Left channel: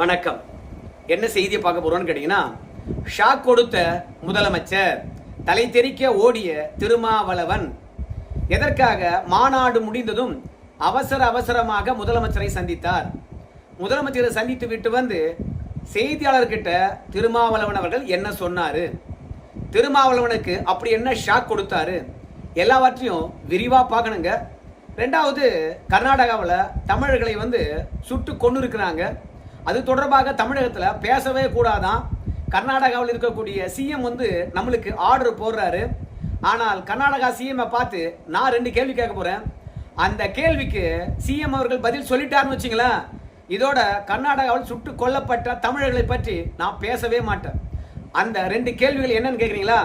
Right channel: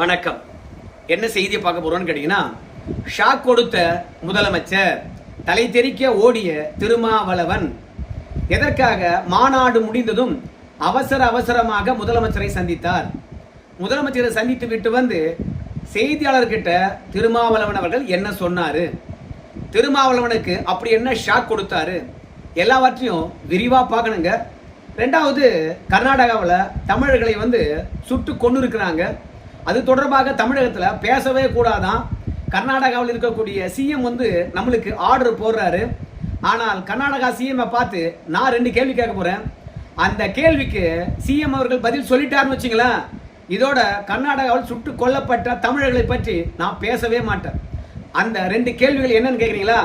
வணக்கம். என்ன செய்தியை பார்க்க போறோம்னு கேட்டீங்கன்னா, ஷாக் கொடுத்த முதலமைச்சர், தலை தெறிக்க ஓடிய திருமாவளவன் எதற்காக மாநாடு முடிந்ததும் அவசரமாக முதலமைச்சரை சந்தித்தார். முதலமைச்சரை சந்தித்து விட்டு வந்து செய்தியாளர்கிட்ட திருமாவளவன் அவர்கள் என்ன சொன்னாரு, திருமாவளவனுக்கு அப்படி என்ன ஷாக் கொடுத்தாரு, எல்லாவற்றையும் விரிவா பார்க்கணுங்க. ரெண்டாவது, கர்நாடகாவில் தமிழர்களை சுட்டு கொண்டு இருக்கிறாங்க. அது தொடர்பாக தமிழகத்தில் பேசவே கூடாதான். கர்நாடகாவில் இருக்கக்கூடிய சிஎம் நம்மளுக்கு ஆர்டர் போடுறாரு. ஆனால் கர்நாடகா சிஎம் பார்த்து நான் 2 கேள்வி கேட்க போறேன். அந்த கேள்விக்கு சிஎம் அவர்கள் பதில் சொல்லிட்டாருன்னு வச்சுங்களேன், இதோட கர்நாடகாவில் சுட்டு கொல்லப்பட்ட தமிழர்களை பற்றி நான் பேசவே மாட்டேன். அந்த 2 கேள்விகள் என்னன்னு கேட்குறீங்களா?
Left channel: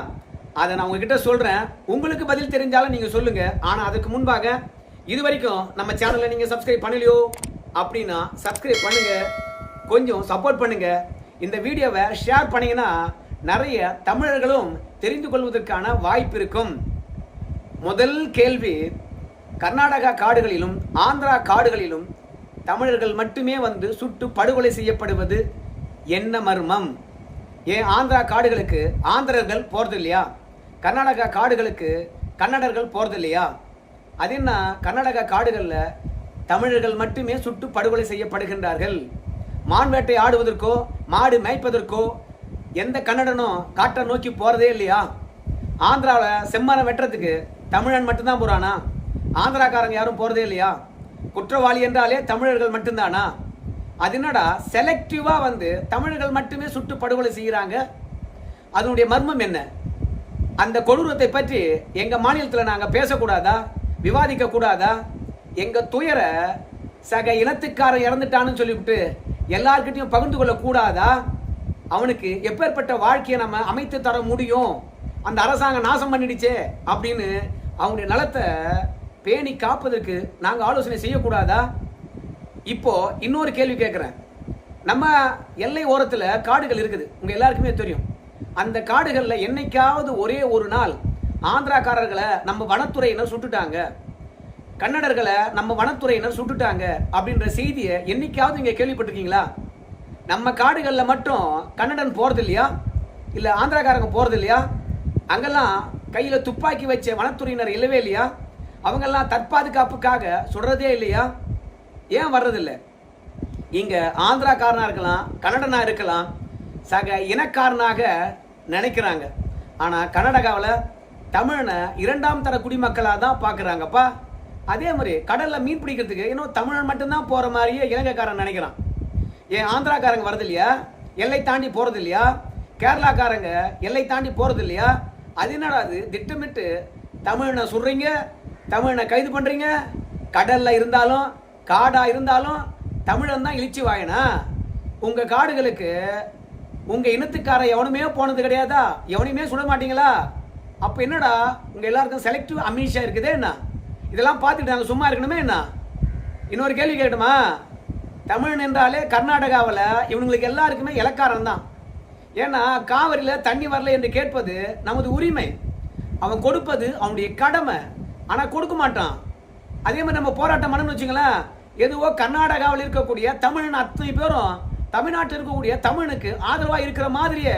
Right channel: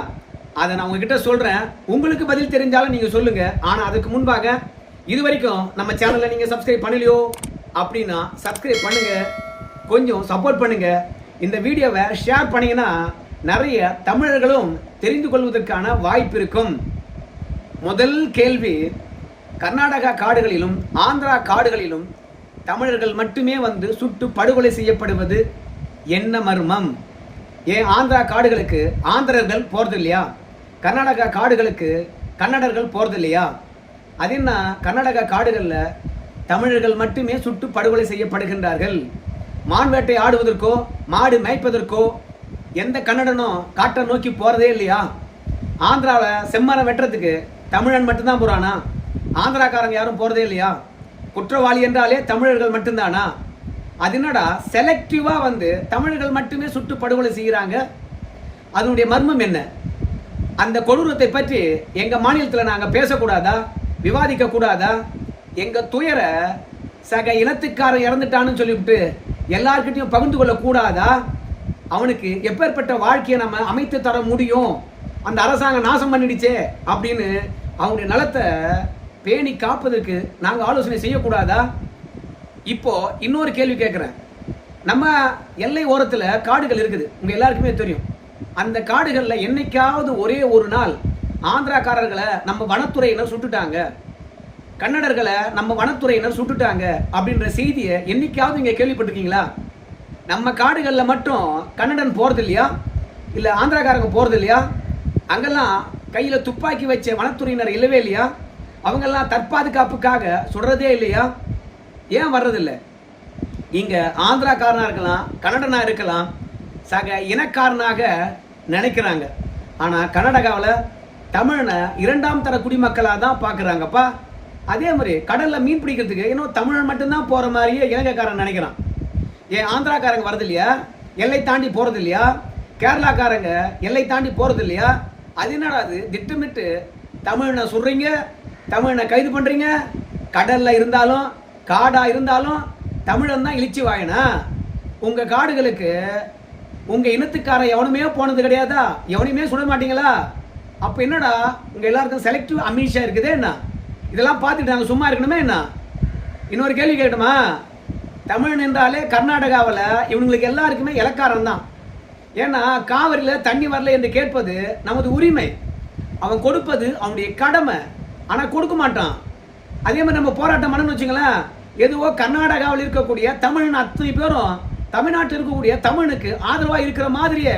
அதை நான் உங்ககிட்ட சொல்றேன். உங்களுக்கு பதில் தெரிஞ்சாலும் நீங்க சொல்லுங்க. ஆனா அதுக்கு முன்பாக இது வரைக்கும் நம்ம சேனலை நீங்க சப்ஸ்கிரைப் பண்ணலையோ அப்படின்னா சப்ஸ்கிரைப் பண்ணுங்க, கொஞ்சம் சப்போர்ட் பண்ணுங்க. இந்த வீடியோவை ஷேர் பண்ணீங்கன்னா நிறைய தமிழர்களும் தெரிந்து கொள்வதற்கான வாய்ப்பு இருக்கும். முதல் கேள்வி, கர்நாடகா காடுகளிலும் ஆந்திரா காடுகளிலும் தமிழர்கள் மட்டுமே சுட்டு படுகொலை செய்யப்படுவது என்ன மர்மம்? ஏன் ஆந்திரா காடுகளுக்கு ஆந்திரர்கள் போறது இல்லையா? கர்நாடகா காடுகளுக்கு கன்னடர்கள் போறது இல்லையா? அது என்ன, கர்நாடகா காடுகளில் தமிழர்கள் மட்டுமே சுட்டு படுகொலை செய்யப்படுகின்றார்கள். மான் வேட்டை ஆடுவதற்கோ மாடு மேய்ப்பதற்கோ எந்த கன்னடனும் காட்டை நோக்கி போறதே இல்லையா? ஆந்திராவில் செம்மரம் வெட்டுறதுக்கு தமிழன் மட்டும்தான் போறானா? ஆந்திராக்காரங்க யாரும் போறதே இல்லையா? குற்றவாளி என்றாலே தமிழர்கள் மட்டும்தானா? அது என்னடா செலக்டிவா தமிழர்கள் மட்டுமே சுட்டு படுகொலை செய்கிறாங்க? அதனுடைய மர்மம் என்ன? அந்த கொடூரத்தை பற்றி எங்க மாநிலத்தில் நாங்கள் பேசக்கூடாதா, விவாதிக்க கூடாதா? எங்க துயர சக இனத்துக்காரன் இறந்துட்டான்னு சொல்லிவிட்டு எல்லார்கிட்டையும் பகிர்ந்து கொள்ள கூடாதா? அவனுக்கு எப்பேற்பட்ட வாழ்க்கையை நம்ம அமைத்து தர முடியும்? அந்த அரசாங்கம் நாசம் பண்ணிடுச்சே அப்படின்னு அவங்களுடைய நலத்தை பேணி காப்பதற்கு நாங்கள் ஆலோசனை செய்யக்கூடாதா? இப்போ இன்னொரு கேள்வி கேட்குறேன். நம்ம எல்லை ஓரத்தில் காடுகள் இருக்குது, உங்க எல்லாருக்குமே தெரியும். அந்த காடுகளில் என்னைக்காவது ஒரே ஒரு நாள் ஆந்திராக்காரர்களை நம்ம வனத்துறையினர் சுட்டுட்டாங்க, கன்னடர்களை நம்ம வனத்துறையினர் சுட்டுட்டாங்க அப்படின்ற செய்தியை என்னைக்காவது இங்கே கேள்விப்பட்டிருக்கீங்களா? நம்ம காடுகளில் மட்டும் கன்னடன் போகிறது இல்லையா? இல்லை ஆந்திராக்காரங்க போகிறது இல்லையா? அங்கெல்லாம் கையில் துப்பாக்கி வச்ச வனத்துறையினர் இல்லவே இல்லையா? அவங்கெல்லாம் தற்பாதுகாப்புக்காக சுடுறதே இல்லையா? ஏன் வர்றதில்லை? இங்கே ஆந்திராக்காரனாக இருக்கலாம், கன்னடனாக இருக்கலாம், சக இனக்காரனாக நினைக்கிறாங்க. ஆனால் கர்நாடகாவில் தமிழனை 2ஆம் தர குடிமக்களாக தான் பார்க்குறாங்கப்பா. அதே மாதிரி கடலில் மீன் பிடிக்கிறதுக்கு இன்னும் தமிழன் மட்டும்தான் போகிற மாதிரியே இலங்கைக்காரன் நினைக்கிறான். ஏன் ஆந்திராக்காரங்க வரது இல்லையா? எல்லை தாண்டி போகிறது இல்லையா? கேரளாக்காரங்க எல்லை தாண்டி போகிறது இல்லையா? அது என்னடா, அது திட்டமிட்டு தமிழனை சுடுறீங்க, தமிழனை கைது பண்ணுறீங்க. கடலில் இருந்தாலும் காடாக இருந்தாலும் தமிழன் தான் இழிச்சு வாயனா? உங்கள் காடுகளுக்கு உங்கள் இனத்துக்காரன் எவனுமே போனது கிடையாதா? எவனையுமே சுட மாட்டீங்களா? அப்போ என்னடா உங்கள் எல்லாருக்கும் செலக்டிவ் அமிஷா இருக்குதே என்ன? இதெல்லாம் பார்த்துட்டு நாங்கள் சும்மா இருக்கணுமே என்ன? இன்னொரு கேள்வி கேட்கணுமா? தமிழன் என்றாலே கர்நாடகாவில் இவங்களுக்கு எல்லாருக்குமே இலக்காரம் தான். ஏன்னா காவிரியில் தண்ணி வரல என்று கேட்பது நமது உரிமை, அவன் கொடுப்பது அவனுடைய கடமை. ஆனால் கொடுக்க மாட்டான். அதே மாதிரி நம்ம போராட்டம் பண்ணணும்னு வச்சுங்களேன், எதுவோ கர்நாடகாவில் இருக்கக்கூடிய தமிழன் அத்தனை பேரும் தமிழ்நாட்டில் இருக்கக்கூடிய தமிழனுக்கு ஆதரவாக இருக்கிற மாதிரியே,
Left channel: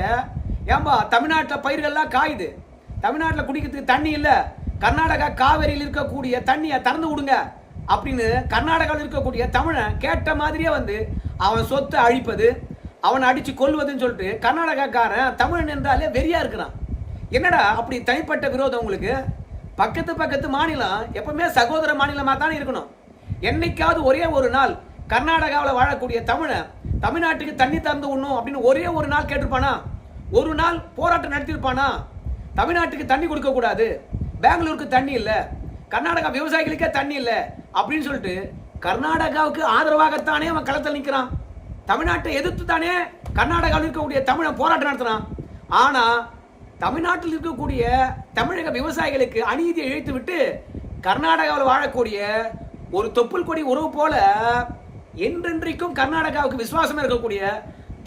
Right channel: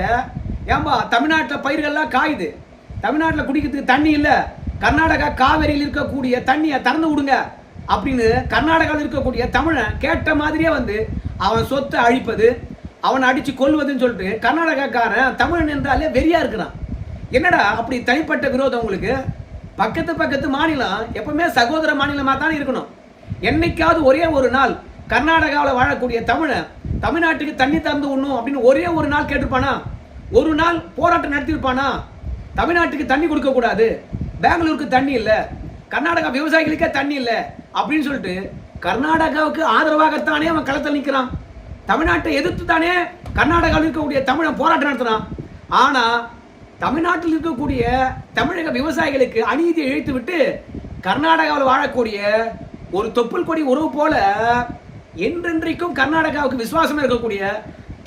ஏன்பா தமிழ்நாட்டில் பயிர்கள்லாம் காயுது, தமிழ்நாட்டில் குடிக்கிறதுக்கு தண்ணி இல்லை, கர்நாடகா காவிரியில் இருக்கக்கூடிய தண்ணியை திறந்து விடுங்க அப்படின்னு கர்நாடகாவில் இருக்கக்கூடிய தமிழன் கேட்ட மாதிரியே அவன் சொத்தை அழிப்பது, அவனை அடித்து கொல்வதுன்னு சொல்லிட்டு கர்நாடகாக்காரன் தமிழன் என்றாலே வெறியா இருக்கிறான். என்னடா அப்படி தனிப்பட்ட விரோதம் உங்களுக்கு? பக்கத்து மாநிலம் எப்பவுமே சகோதர மாநிலமாக தான் இருக்கணும். என்னைக்காவது ஒரே ஒரு நாள் கர்நாடகாவில் வாழக்கூடிய தமிழன் தமிழ்நாட்டுக்கு தண்ணி திறந்து விடணும் அப்படின்னு ஒரே ஒரு நாள் கேட்டிருப்பானா? ஒரு நாள் போராட்டம் நடத்திருப்பானா? தமிழ்நாட்டுக்கு தண்ணி கொடுக்க கூடாது, பெங்களூருக்கு தண்ணி இல்லை, கர்நாடகா விவசாயிகளுக்கே தண்ணி இல்லை அப்படின்னு சொல்லிட்டு கர்நாடகாவுக்கு ஆதரவாகத்தானே அவன் களத்தில் நிற்கிறான். தமிழ்நாட்டை எதிர்த்து தானே கர்நாடகாவில் இருக்கக்கூடிய தமிழன் போராட்டம் நடத்துறான். ஆனா தமிழ்நாட்டில் இருக்கக்கூடிய தமிழக விவசாயிகளுக்கு அநீதியை இழைத்து விட்டு கர்நாடகாவில் வாழக்கூடிய ஒரு தொப்புள் கொடி உறவு போல என்றென்றைக்கும் கர்நாடகாவுக்கு விசுவாசமா இருக்கக்கூடிய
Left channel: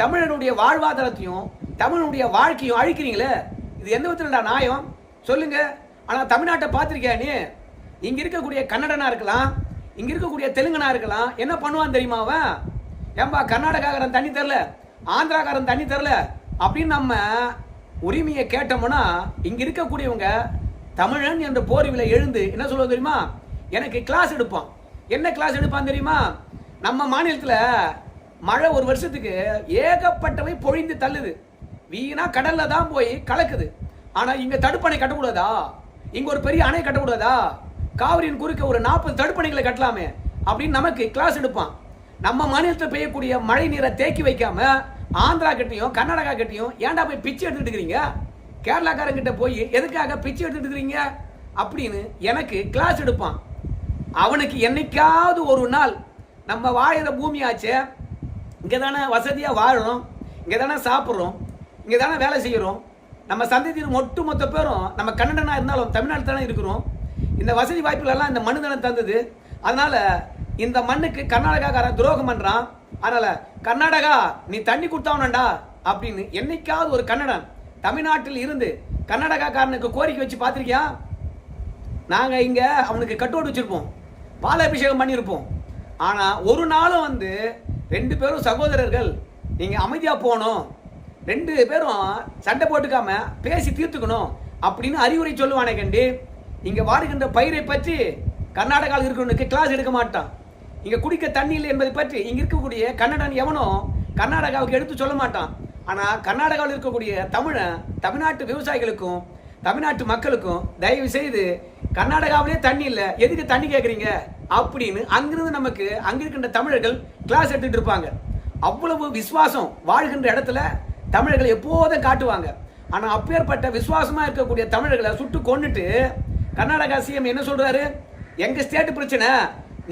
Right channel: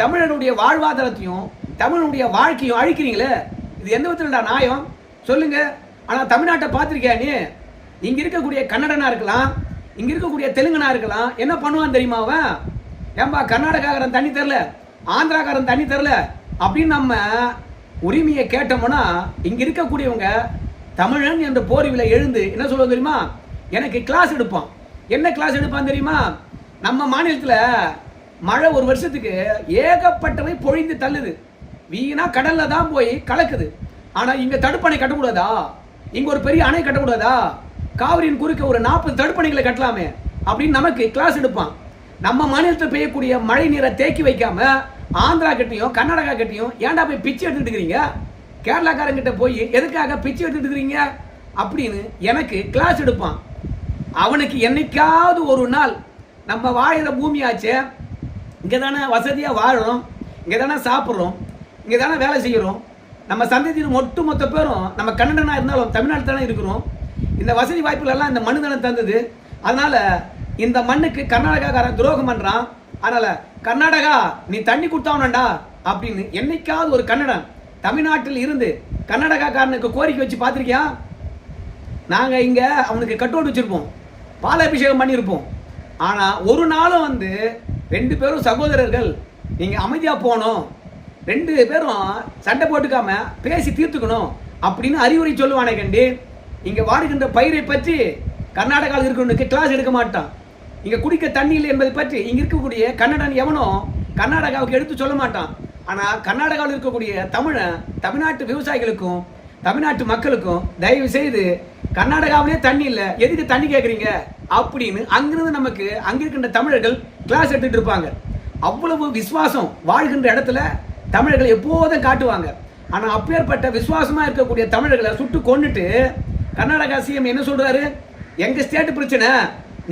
தமிழனுடைய வாழ்வாதாரத்தையும் தமிழனுடைய வாழ்க்கையும் அழிக்கிறீங்களே, இது எந்த விதத்துல நியாயம் சொல்லுங்க? ஆனா தமிழ்நாட்டை பார்த்திருக்கியா நீ? இங்க இருக்கக்கூடிய கன்னடனா இருக்கலாம், இங்க இருக்கக்கூடிய தெலுங்கனா இருக்கலாம், என்ன பண்ணுவான்னு தெரியுமா? அவன் ஏன்பா கர்நாடகாக்காரன் தண்ணி தரல, ஆந்திராக்காரன் தண்ணி தரல அப்படின்னு நம்ம உரிமையை கேட்டோம்னா இங்க இருக்கக்கூடியவங்க தமிழன் என்ற போர்வில எழுந்து என்ன சொல்லுவது தெரியுமா? எனக்கு கிளாஸ் எடுப்பான். என்ன கிளாஸ் எடுப்பான் தெரியுமா? நம்ம மாநிலத்தில் மழை ஒரு வருஷத்துக்கு ஏகப்பட்டவை பொழிந்து தள்ளுது, வீணா கடல்ல தான் போய் கலக்குது. ஆனா இங்க தடுப்பணை கட்டக்கூடாதா? இங்க ஒரு பெரிய அணை கட்டக்கூடாதா? காவிரியின் குறுக்க ஒரு 40 தடுப்பணைகளை கட்டலாமே அப்படின்னு நமக்கு கிளாஸ் எடுப்பான். நம்ம மாநிலத்தில் பெய்யக்கூடிய மழை நீரை தேக்கி வைக்காம ஆந்திரா கிட்டையும் கர்நாடகா கிட்டையும் ஏன்டா போய் பிச்சை எடுத்துட்டு இருக்கிறீங்க? கேரளாக்காரங்கிட்ட போய் எதுக்காக பிச்சை எடுத்துட்டு இருக்கிறீங்க அப்படின்னு எனக்கு கிளாஸ் எடுப்பான். அவனுக்கு என்னைக்காவது ஒரு நாள் நம்ம வாழித பூமியாச்சே, இங்கே தானே வசதியாக வாழுறோம், இங்கே தானே சாப்பிட்றோம், இங்கே தானே வேலை செய்கிறோம், நம்ம சந்ததியின் மொத்த பேரும் நம்ம கன்னடனாக இருந்தாலும் தமிழ்நாடு தானே இருக்கிறோம். இந்த வசதி வாய்ப்புகளெல்லாம் இந்த மண்ணு தானே தந்தது. அதனால இந்த மண்ணுக்கு கர்நாடகாக்காரன் துரோகம் பண்ணுறான். அதனால கர்நாடகா நீ தண்ணி கொடுத்தாவனண்டா அப்படின்னு என்னைக்காவது ஒரு கன்னடன் தமிழ்நாட்டில் இருந்து கர்நாடகாக்காரனுக்கு கோரிக்கை வச்சு பார்த்துருக்கியா? நாங்கள் இங்கே அவனுக்கு கட்டோடு வச்சுருப்போம், பாலாபிஷேகம் பண்ணியிருப்போம். ஆனால் ஒரு நாளும் வந்து 2 பேரும் சகோதரர்கள் நீங்கள் அமைதியாக போகணும், 2 பேரும் சண்டை போட்டுக்காம பேசி தீர்த்துக்கணும் அப்படின்னு அறிவுரை சொல்லுவானே கண்டி. இங்கே வாடுகின்ற பயிரை பற்றி கர்நாடகாவில் இருக்கிறவனுக்கு கிளாஸ் எடுக்க மாட்டான். இங்கே குடிக்க தண்ணி இல்லை என்பதை பற்றி இங்கே இருக்கக்கூடிய கன்னடன் எவனோ கர்நாடகாவுக்கு எடுத்து சொல்ல மாட்டான். ஆனால் கர்நாடகாவில் இருக்கக்கூடிய தமிழ்நாட்டு விவசாயிகளுக்கும் தமிழ்நாட்டு மக்களுக்கும் தயவு செய்து கர்நாடகாவிலே தண்ணி இல்லை, எதுக்கு தண்ணி கேட்குறீங்க அப்படின்னு அங்கிருந்து நமக்கு அங்கே இருக்கின்ற தமிழர்கள் கிளாஸ் எடுத்துட்டு இருப்பாங்க. அவ்வளவு விசுவாசம் வாழ்கின்ற இடத்துல தமிழர்கள் எப்போதும் காட்டுவாங்க. ஆனால் அப்பேற்பட்ட விசுவாசமாக இருக்கக்கூடிய தமிழர்களை சுட்டு கொண்டுட்டு கர்நாடகா சிஎம் என்ன சொல்றாரு? எங்கள் ஸ்டேட் பிரச்சனை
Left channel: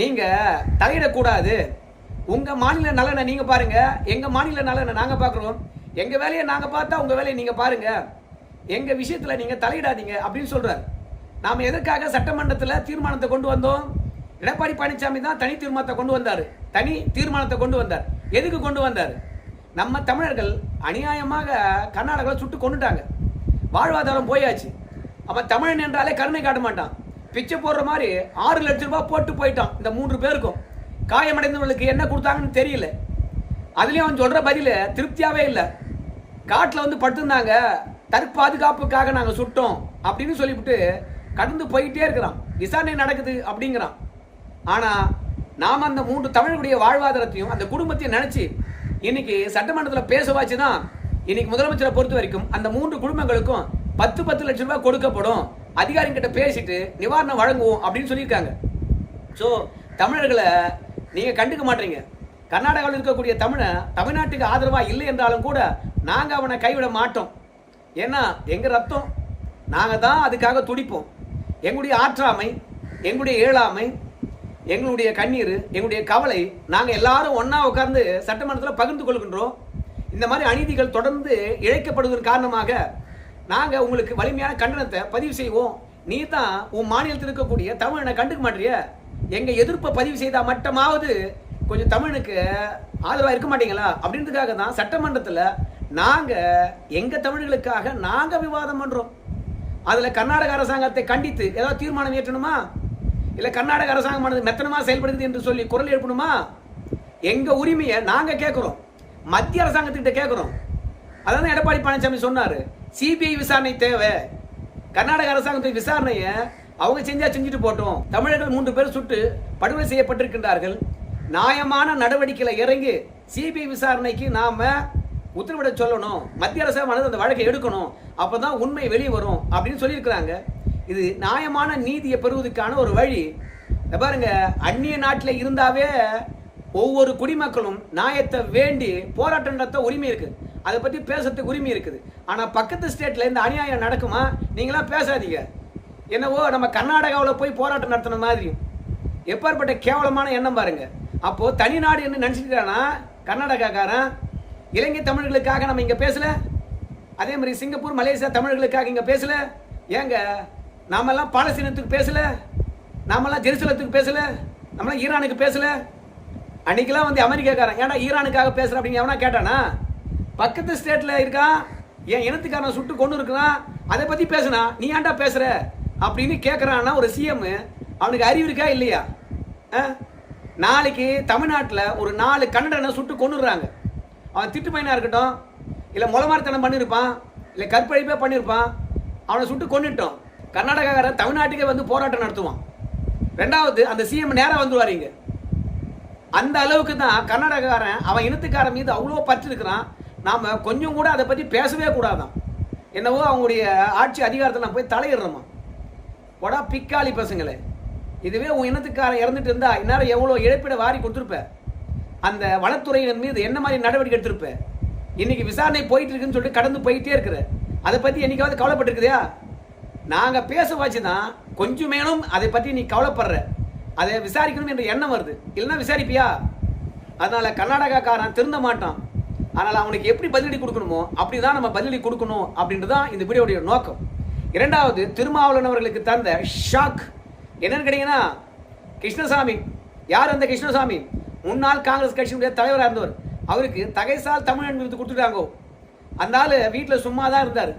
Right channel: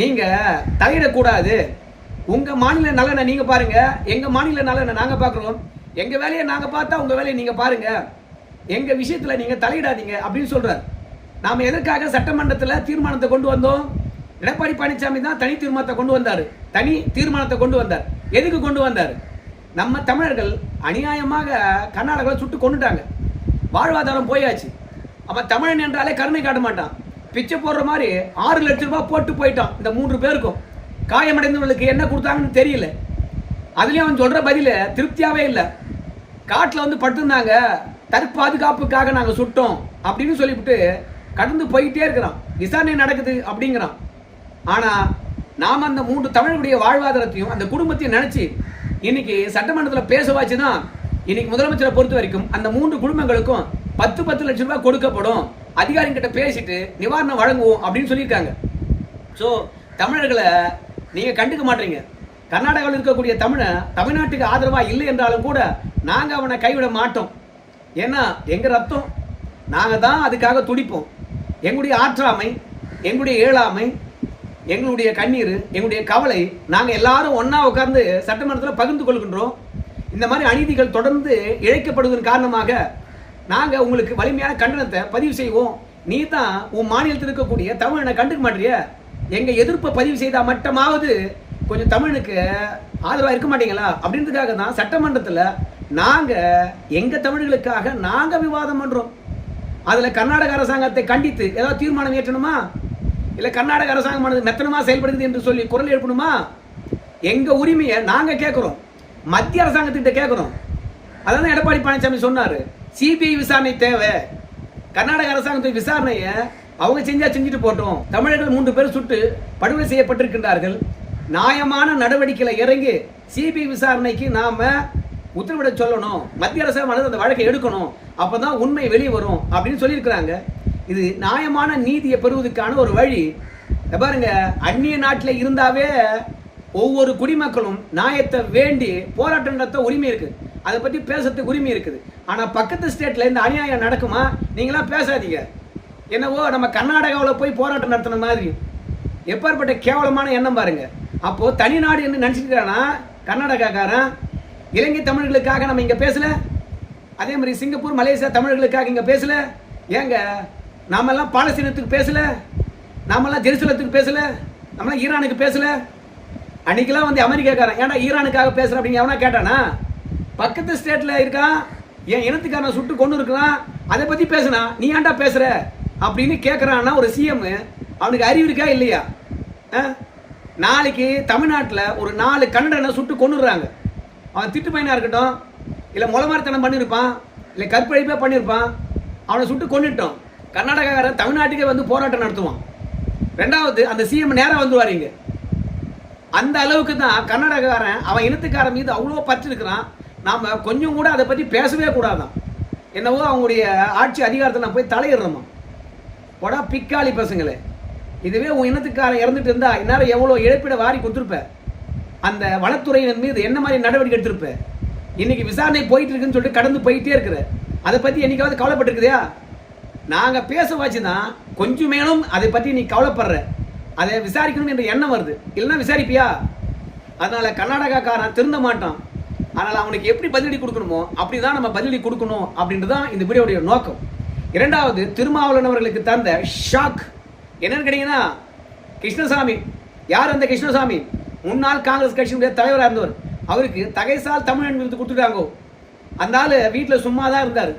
நீங்கள் தலையிடக்கூடாது, உங்கள் மாநில நலனை நீங்கள் பாருங்க, எங்கள் மாநில நலனை நாங்கள் பார்க்குறோம், எங்கள் வேலையை நாங்கள் பார்த்தா உங்கள் வேலையை நீங்கள் பாருங்க, எங்கள் விஷயத்தில் நீங்கள் தலையிடாதீங்க அப்படின்னு சொல்கிறார். நாம் எதற்காக சட்டமன்றத்தில் தீர்மானத்தை கொண்டு வந்தோம்? எடப்பாடி பழனிசாமி தான் தனி தீர்மானத்தை கொண்டு வந்தார். எதுக்கு கொண்டு வந்தார்? நம்ம தமிழர்கள் அநியாயமாக கர்நாடகாவில் சுட்டு கொண்டுட்டாங்க, வாழ்வாதாரம் போயாச்சு. அவன் தமிழன் என்றாலே கருணை காட்ட மாட்டான், பிச்சை போடுற மாதிரி 6 லட்சம் ரூபாய் போட்டு போயிட்டான். இந்த 3 பேருக்கும் காயமடைந்தவர்களுக்கு என்ன கொடுத்தாங்கன்னு தெரியல. அதுலேயும் அவன் சொல்கிற பதில திருப்தியாகவே இல்லை. காட்டில் வந்து படுத்திருந்தாங்க, தற்பாதுகாப்புக்காக நாங்கள் சுட்டோம் அப்படின்னு சொல்லிவிட்டு கடந்து போயிட்டே இருக்கிறான். விசாரணை நடக்குது அப்படிங்கிறான். ஆனால் நாம் அந்த 3 தமிழர்களுடைய வாழ்வாதாரத்தையும் அந்த குடும்பத்தையும் நினச்சி இன்னைக்கு சட்டமன்றத்தில் பேச வச்சுதான் இன்னைக்கு முதலமைச்சரை பொறுத்த வரைக்கும் அந்த 3 குடும்பங்களுக்கும் 10 லட்சம் ரூபாய் கொடுக்கப்படும், அதிகாரிகிட்ட பேசிட்டு நிவாரணம் வழங்குவோம் அப்படின்னு சொல்லியிருக்காங்க. ஸோ தமிழர்களை நீங்கள் கண்டுக்க மாட்டீங்க. கர்நாடகாவில் இருக்கக்கூடிய தமிழ்நாட்டுக்கு ஆதரவாக இல்லை என்றாலும் கூட நாங்கள் அவனை கைவிட மாட்டோம். ஏன்னா எங்கள் ரத்தம், நாங்கள் தான் அதுக்காக துடிப்போம். எங்களுடைய ஆற்றாமை, எங்களுடைய ஏழாமை, எங்களுடைய கண்ணீர், எங்களுடைய கவலை நாங்கள் எல்லாரும் ஒன்றா உட்கார்ந்து சட்டமன்றத்தில் பகிர்ந்து கொள்கின்றோம். இந்த மாதிரி அநீதிகள் தொடர்ந்து இழைக்கப்படுவதன் காரணமாக நாங்கள் உங்களுக்கு வலிமையான கண்டனத்தை பதிவு செய்வோம். நீ தான் உன் மாநிலத்தில் இருக்கக்கூடிய தமிழனை கண்டுக்க மாட்டிய, எங்கள் எதிர்ப்பை பதிவு செய்தால் மட்டுமாவது கொஞ்சம் தமிழுக்கு ஆதரவாக இருக்க மாட்டீங்களா அப்படின்றதுக்காக தான் சட்டமன்றத்தில் நாங்கள் எங்கள் தமிழர்களுக்காக நாங்கள் விவாதம் பண்ணுறோம். அதில் கர்நாடக அரசாங்கத்தை கண்டித்து ஏதாவது தீர்மானம் ஏற்றணுமா, இல்லை கர்நாடக அரசாங்கமானது மெத்தனமாக செயல்படுகிறது என்று சொல்லி குரல் எழுப்பணுமா? எங்கள் உரிமையை நாங்கள் கேட்குறோம், மத்திய அரசாங்கத்திட்ட கேட்குறோம். அதான் எடப்பாடி பழனிசாமி சொன்னார், சிபிஐ விசாரணை தேவை, கர்நாடக அரசாங்கத்தின் விசாரணையை அவங்க செஞ்சுட்டு போட்டோம். தமிழர்கள் 3 பேர் சுட்டு படுகொலை செய்யப்பட்டிருக்கின்றார்கள். நியாயமான நடவடிக்கைகளை இறங்கி சிபிஐ விசாரணைக்கு நாம உத்தரவிட சொல்லணும், மத்திய அரசாங்கம் அந்த வழக்கை எடுக்கணும், அப்பதான் உண்மை வெளியே வரும் அப்படின்னு சொல்லியிருக்கிறாங்க. இது நியாயமான நீதியை பெறுவதற்கான ஒரு வழி. பாருங்க, அந்நிய நாட்டில் இருந்தாவே ஒவ்வொரு குடிமக்களும் நியாயத்தை வேண்டி போராட்டம் நடத்த உரிமை இருக்குது, அதை பற்றி பேசுறதுக்கு உரிமை இருக்குது. ஆனால் பக்கத்து ஸ்டேட்டில் இந்த அநியாயம் நடக்குமா? நீங்களாம் பேசாதீங்க. என்னவோ நம்ம கர்நாடகாவில் போய் போராட்டம் நடத்தின மாதிரி எப்பேற்பட்ட கேவலமான எண்ணம் பாருங்க. அப்போது தனி நாடு என்று நினச்சிக்கிறானா கர்நாடகாக்காரன்? இலங்கை தமிழர்களுக்காக நம்ம இங்கே பேசல, அதே மாதிரி சிங்கப்பூர் மலேசியா தமிழர்களுக்காக இங்கே பேசல. ஏங்க நாமெல்லாம் பாலஸ்தீனத்துக்கு பேசல, நாமெல்லாம் ஜெருசலத்துக்கு பேசல, நம்மளாம் ஈரானுக்கு பேசல. அன்னைக்கெல்லாம் வந்து அமெரிக்காக்காரன் ஏன்டா ஈரானுக்காக பேசுற அப்படிங்க எவனா கேட்டானா? பக்கத்து ஸ்டேட்டில் இருக்கான், என் இனத்துக்காரன் சுட்டு கொண்டு இருக்கலாம், அதை பற்றி பேசுனா நீ ஏன்டா பேசுற அப்படின்னு கேட்குறான்னா ஒரு சிஎம், அவனுக்கு அறிவு இருக்கா இல்லையா? நாளைக்கு தமிழ்நாட்டில் ஒரு 4 கன்னடனை சுட்டு கொண்டுடுறாங்க. அவன் திட்டு பையனாக இருக்கட்டும், இல்லை முளமாரித்தனம் பண்ணியிருப்பான், இல்லை கற்பழிப்பே பண்ணியிருப்பான், அவனை சுட்டு கொண்டுட்டோம். கர்நாடகாக்காரன் தமிழ்நாட்டுக்கே வந்து போராட்டம் நடத்துவான். ரெண்டாவது, அந்த சிஎம் நேராக வந்துடுவார் இங்கே. அந்த அளவுக்கு தான் கர்நாடகாரன் அவன் இனத்துக்காரன் மீது அவ்வளோ பற்று இருக்கிறான். நாம் கொஞ்சம் கூட அதை பற்றி பேசவே கூடாதான். என்னவோ அவங்களுடைய ஆட்சி அதிகாரத்தில் நான் போய் தலையிடுறோமா. போடா பிக்காளி பசங்களே, இதுவே உன் இனத்துக்காரன் இறந்துட்டு இருந்தா இந்நேரம் எவ்வளோ இழப்பீட வாரி கொடுத்துருப்ப, அந்த வனத்துறையின் மீது என்ன மாதிரி நடவடிக்கை எடுத்திருப்ப. இன்னைக்கு விசாரணை போயிட்டு இருக்குன்னு சொல்லிட்டு கடந்து போயிட்டே இருக்கிற, அதை பற்றி என்னைக்காவது கவலைப்பட்டிருக்குதையா? நாங்கள் பேச வச்சு தான் கொஞ்சம் மேலும் அதை பற்றி நீ கவலைப்படுற, அதை விசாரிக்கணும் என்ற எண்ணம் வருது. இல்லைன்னா விசாரிப்பியா? அதனால கர்நாடகாக்காரன் திருந்த மாட்டான். அதனால் அவனுக்கு எப்படி பதிலடி கொடுக்கணுமோ அப்படிதான் நம்ம பதிலடி கொடுக்கணும் அப்படின்றது தான் இந்த வீடியோடைய நோக்கம். இரண்டாவது, திருமாவளவன் அவர்களுக்கு தந்த ஷாக் என்னன்னு கேட்டீங்கன்னா, கிருஷ்ணசாமி. யார் அந்த கிருஷ்ணசாமி? முன்னாள் காங்கிரஸ் கட்சியினுடைய தலைவராக இருந்தவர். அவருக்கு தகைசால் தமிழன் விருது கொடுத்துட்டாங்க. அந்த ஆள் வீட்டில் சும்மா தான் இருந்தார்.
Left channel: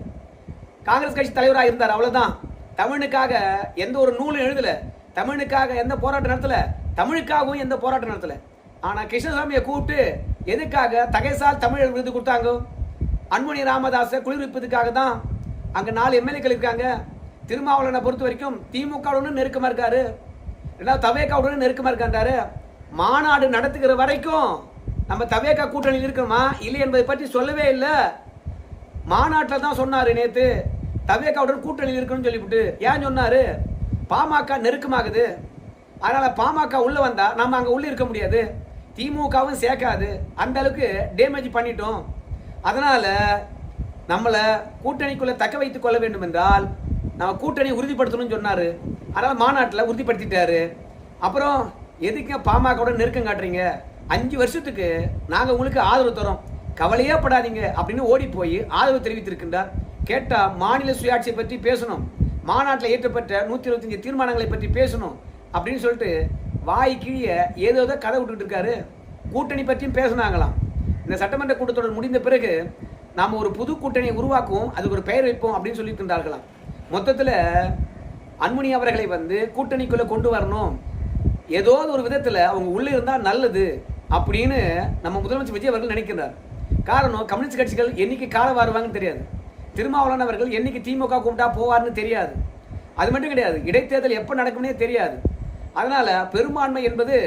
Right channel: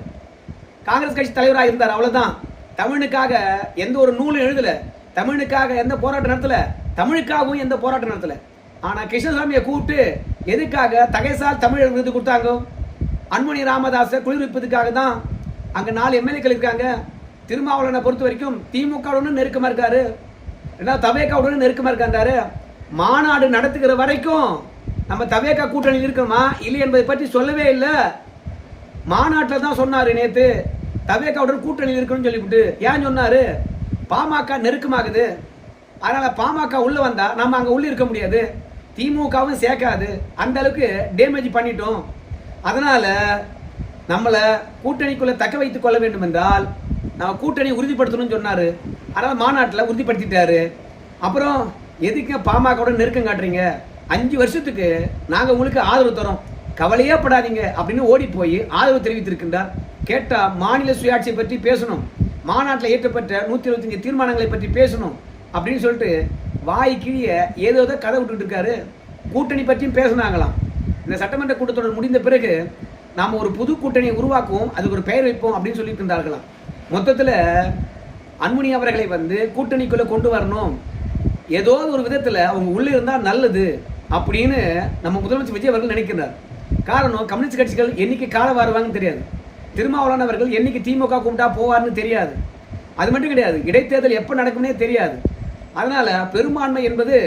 காங்கிரஸ் கட்சி தலைவராக இருந்தார், அவ்வளோதான். தமிழுக்காக எந்த ஒரு நூலும் எழுதலை, தமிழுக்காக எந்த போராட்டம் நடத்தலை, தமிழுக்காகவும் எந்த போராட்டம் நடத்தலை. ஆனால் கிருஷ்ணசாமியை கூப்பிட்டு எதுக்காக தகைசால் தமிழர் விருது கொடுத்தாங்க? அன்புமணி ராமதாஸை குளிர்விப்பதுக்காக தான். அங்கே 4 எம்எல்ஏக்கள் இருக்காங்க. திருமாவளவனை பொறுத்த வரைக்கும் திமுகவுடன் நெருக்கமாக இருக்காரு, ரெண்டாவது தவேகாவுடன் நெருக்கமாக இருக்காரு. மாநாடு நடத்துகிற வரைக்கும் நம்ம தவேகா கூட்டணியில் இருக்கணுமா இல்லை என்பதை பற்றி சொல்லவே இல்லை. மாநாட்டில் தான் சொன்னார் நேற்று தவேகாவுடன் கூட்டணியில் இருக்கணும்னு சொல்லிவிட்டு. ஏன் சொன்னார்? பாமக நெருக்கமாகுது, அதனால பாமக உள்ள வந்தா நம்ம அங்கே உள்ள இருக்க முடியாது, திமுகவும் சேர்க்காது, அந்த அளவுக்கு டேமேஜ் பண்ணிட்டோம். அதனால நம்மளை கூட்டணிக்குள்ள தக்க வைத்துக் கொள்ள வேண்டும் என்றால் நம்ம கூட்டணி உறுதிப்படுத்தணும்னு சொன்னாரு. அதனால மாநாட்டில் உறுதிப்படுத்திட்டாரு. அப்புறம் எதுக்கு பாமகவோட நெருக்கம் காட்டுறீங்க? 5 வருஷத்துக்கு நாங்கள் உங்களுக்கு ஆதரவு தரோம், கவலையே படாதீங்க அப்படின்னு ஓடி போய் ஆதரவு தெரிவித்திருக்கின்றார். கேட்டால் மாநில சுயாட்சியை பற்றி பேசணும், மாநாட்டில் ஏற்றப்பட்ட 125 தீர்மானங்களை பற்றி பேசணும் அப்படின்னு சொல்லிட்டு வாய் கீழே ஏதோ கதை விட்டுட்டு இருக்காரு. கூட்டணி பற்றியும் பேசினாங்களாம். இந்த சட்டமன்ற கூட்டத்தொடர் முடிந்த பிறகு நாம் ஒரு புது கூட்டணியை உருவாக்குவோம், அதுக்கு ஒரு பெயர் வைப்போம் அப்படின்னு சொல்லியிருக்கின்றார்களாம். மொத்தத்தில் அன்புமணி அவர்களை வந்து கூட்டணிக்குள்ளே கொண்டு வரணும், ஏதோ ஒரு விதத்தில் அவங்க உள்ளே இருந்தால் நல்லது அப்படின்னு நம்ம முதலமைச்சர் விஜய் அவர்கள் நினைக்கிறார். காரணம், கம்யூனிஸ்ட் கட்சிகள் என்னைக்கு கால வருவாங்கன்னு தெரியாது, திருமாவளவன் அவர்கள் என்னைக்கு திமுக கூப்பிட்டா போவார்னு தெரியாது, அது மட்டும் கிடையாது இடைத்தேர்தல் எப்போ நடக்கும்னே தெரியாது. அதனால பெரும்பான்மை என்பது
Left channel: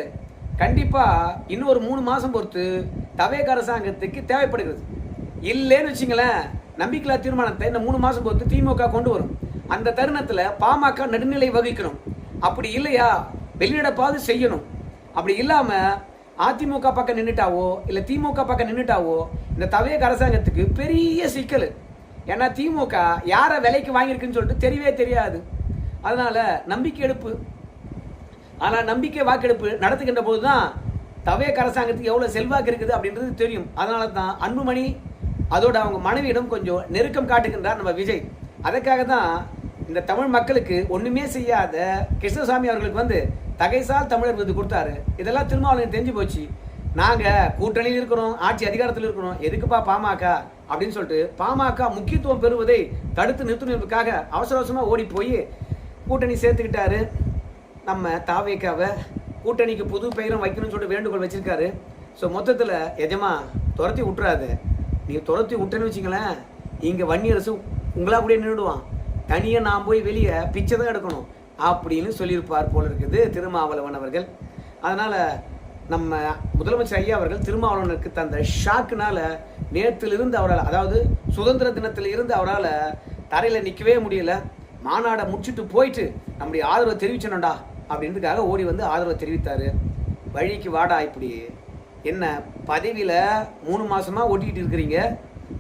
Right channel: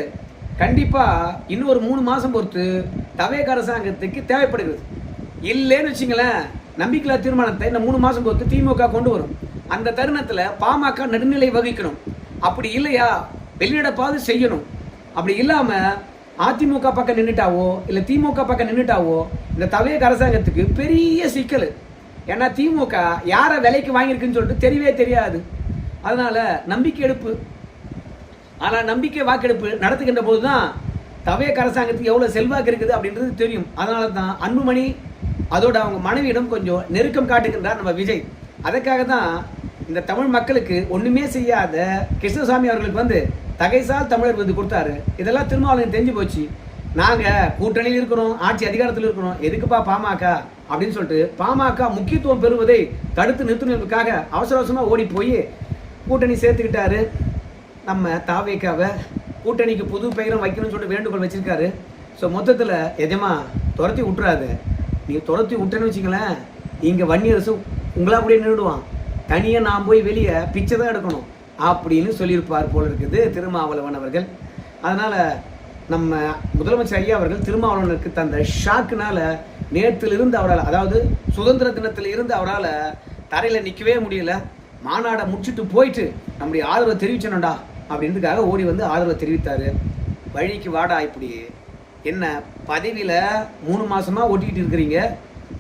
கண்டிப்பாக இன்னும் ஒரு 3 மாதம் பொறுத்து தவேக அரசாங்கத்துக்கு தேவைப்படுகிறது. இல்லைன்னு வச்சுங்களேன், நம்பிக்கையில்லா தீர்மானத்தை இந்த 3 மாதம் பொறுத்து திமுக கொண்டு வரும். அந்த தருணத்தில் பாமக நடுநிலை வகிக்கணும். அப்படி இல்லையா வெளியிடப்பாவது செய்யணும். அப்படி இல்லாமல் அதிமுக பக்கம் நின்றுட்டாவோ இல்லை திமுக பக்கம் நின்றுட்டாவோ இந்த தவேக அரசாங்கத்துக்கு பெரிய சிக்கல். ஏன்னா திமுக யாரை விலைக்கு வாங்கியிருக்குன்னு சொல்லிட்டு தெரியவே தெரியாது. அதனால நம்பிக்கை எடுப்பு, ஆனால் நம்பிக்கை வாக்கெடுப்பு நடத்துகின்ற போது தான் தவேக அரசாங்கத்துக்கு எவ்வளோ செல்வாக்கு இருக்குது அப்படின்றது தெரியும். அதனால தான் அன்புமணி அதோட அவங்க மனைவியிடம் கொஞ்சம் நெருக்கம் காட்டுகின்றார் நம்ம விஜய். அதுக்காக தான் இந்த தமிழ் மக்களுக்கு ஒன்றுமே செய்யாத கிருஷ்ணசாமி அவர்களுக்கு வந்து தகைசால் தமிழர் விருது கொடுத்தாரு. இதெல்லாம் திருமாவளவன் தெரிஞ்சு போச்சு. நாங்கள் கூட்டணியில் இருக்கிறோம், ஆட்சி அதிகாரத்தில் இருக்கிறோம், எதுக்குப்பா பாமக அப்படின்னு சொல்லிட்டு பாமக முக்கியத்துவம் பெறுவதை தடுத்து நிறுத்தினதுக்காக அவசர அவசரமாக ஓடி போய் கூட்டணி சேர்த்துக்கிட்டாரு. நம்ம தாவேக்காவை கூட்டணிக்கு புது பெயரும் வைக்கணும்னு சொல்லிட்டு வேண்டுகோள் வச்சிருக்காரு. ஸோ மொத்தத்தில் எஜமா துரத்தி விட்டுறாது. நீங்கள் துரத்தி விட்டேன்னு வச்சிங்களேன், இங்கே வன்னியரசு உங்களா அப்படியே நின்றுடுவான், தனியாக நான் போய் வெளியே பிச்சை தான் எடுக்கணும் அப்படின்னு சொல்லியிருப்பார் போல இருக்குது திருமாவளவன் அவர்கள். அதனால் நம்ம முதலமைச்சர் ஐயா அவர்கள் திருமாவளவனுக்கு தந்த ஷாக்குனால நேற்றிலிருந்து அவரால், அதாவது சுதந்திர தினத்தில் இருந்து அவரால் தரையில் நிற்கவே முடியல. மாநாடை முடிச்சுட்டு போயிட்டு நம்முடைய ஆதரவை தெரிவிச்சணும்டா அப்படின்றதுக்காக ஓடி வந்து ஆதரவை தெரிவித்தார். வழிக்கு வாடா, இப்படி என்ன பதவியில் 3 மாதமாக ஒட்டிக்கிட்டு இருக்கிறீங்க,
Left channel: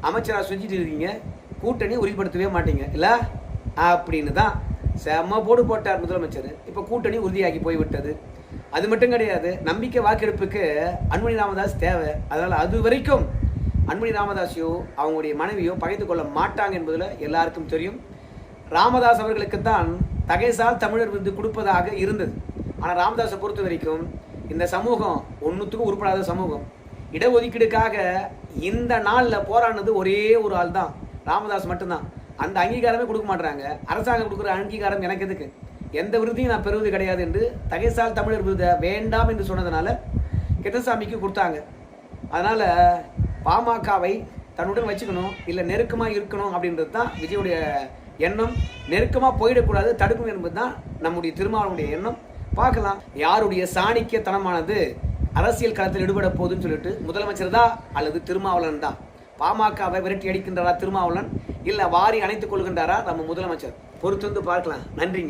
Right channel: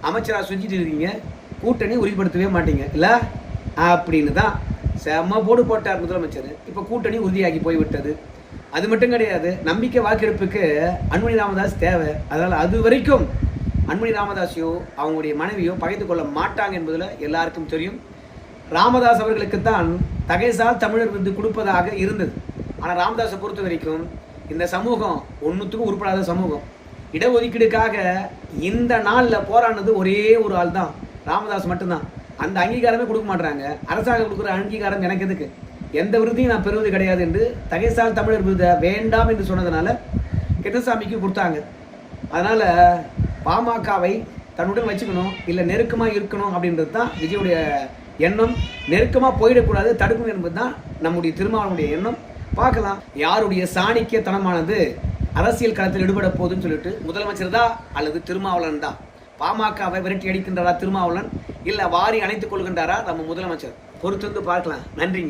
அமைச்சராக செஞ்சுட்டு இருக்கீங்க, கூட்டணி உறுதிப்படுத்தவே மாட்டீங்க இல்லை அப்படின்னு தான் செம்ம போடு போட்டார் முதலமைச்சர். இப்போ கூட்டணி உறுதியாகி போய்விட்டது. அது மட்டும் கிடையாது, நம்பிக்கை வாக்கெடுப்புக்கு அன்புமணி ராமதாஸ் தேவை. அதனால் அது வரைக்கும் அன்புமணி ராமதாஸையோ அவங்களுடைய மனைவியோ பகைத்து கொள்ள மாட்டாங்க என்பதில் எல்லாருக்கும் தெரியும். ராமதாஸ் அவர்களுக்குத்தான் தகைசால் தமிழர் விருது கொடுப்பதாக இருந்தது. ஆனால் ராமதாஸை பொறுத்த வரைக்கும் இந்த சமூகம் ஒன்றுத்துக்கும் உருப்படாத சமூகம். இடஒதுக்கீடுக்காக இந்த நாளில் போராடினது ஒரே ஒரு ஆள் தான், ராமதாஸ் மட்டும்தான். அந்த அங்கீகாரமே கொடுக்க மாட்டாங்க. அரசாங்கம் கொடுக்குற அங்கீகாரம் எனக்கு எதுக்கு? எந்த விருதையும் நான் பெறுவது கிடையாது என்று தகைசால் தமிழர் விருதை வேண்டாம் என்று சொன்னதுனால கிருஷ்ணசாமிக்கு கொடுத்தாங்க. அதனால் பாமகவை தன்னுடன் வச்சுக்கணும், இல்லை நெருக்கமாக இருக்கணும் அப்படின்றது தான் விஜயுடைய எண்ணம். நெருக்கமாக போயிடக்கூடாது, தடுக்கணும் என்பது தான் நம்முடைய திருமாவளவனுடைய எண்ணம். பார்க்கலாம் யாருடைய சாணிக்கியத்தனமானது அரசியல் களத்தில் ஈடுபட போகுதுன்னு சொல்லிட்டு, முதலமைச்சர் தான் அல்லது திருமாவளவன் தான். பாமகவை விரட்டி அடிக்கின்றாரா திருமாவளவன், இல்லை வாரி அணைத்துக் கொள்கின்றாரா நம்ம முதலமைச்சர்? பொறுத்திருந்து பார்க்கலாம். நன்றிங்க.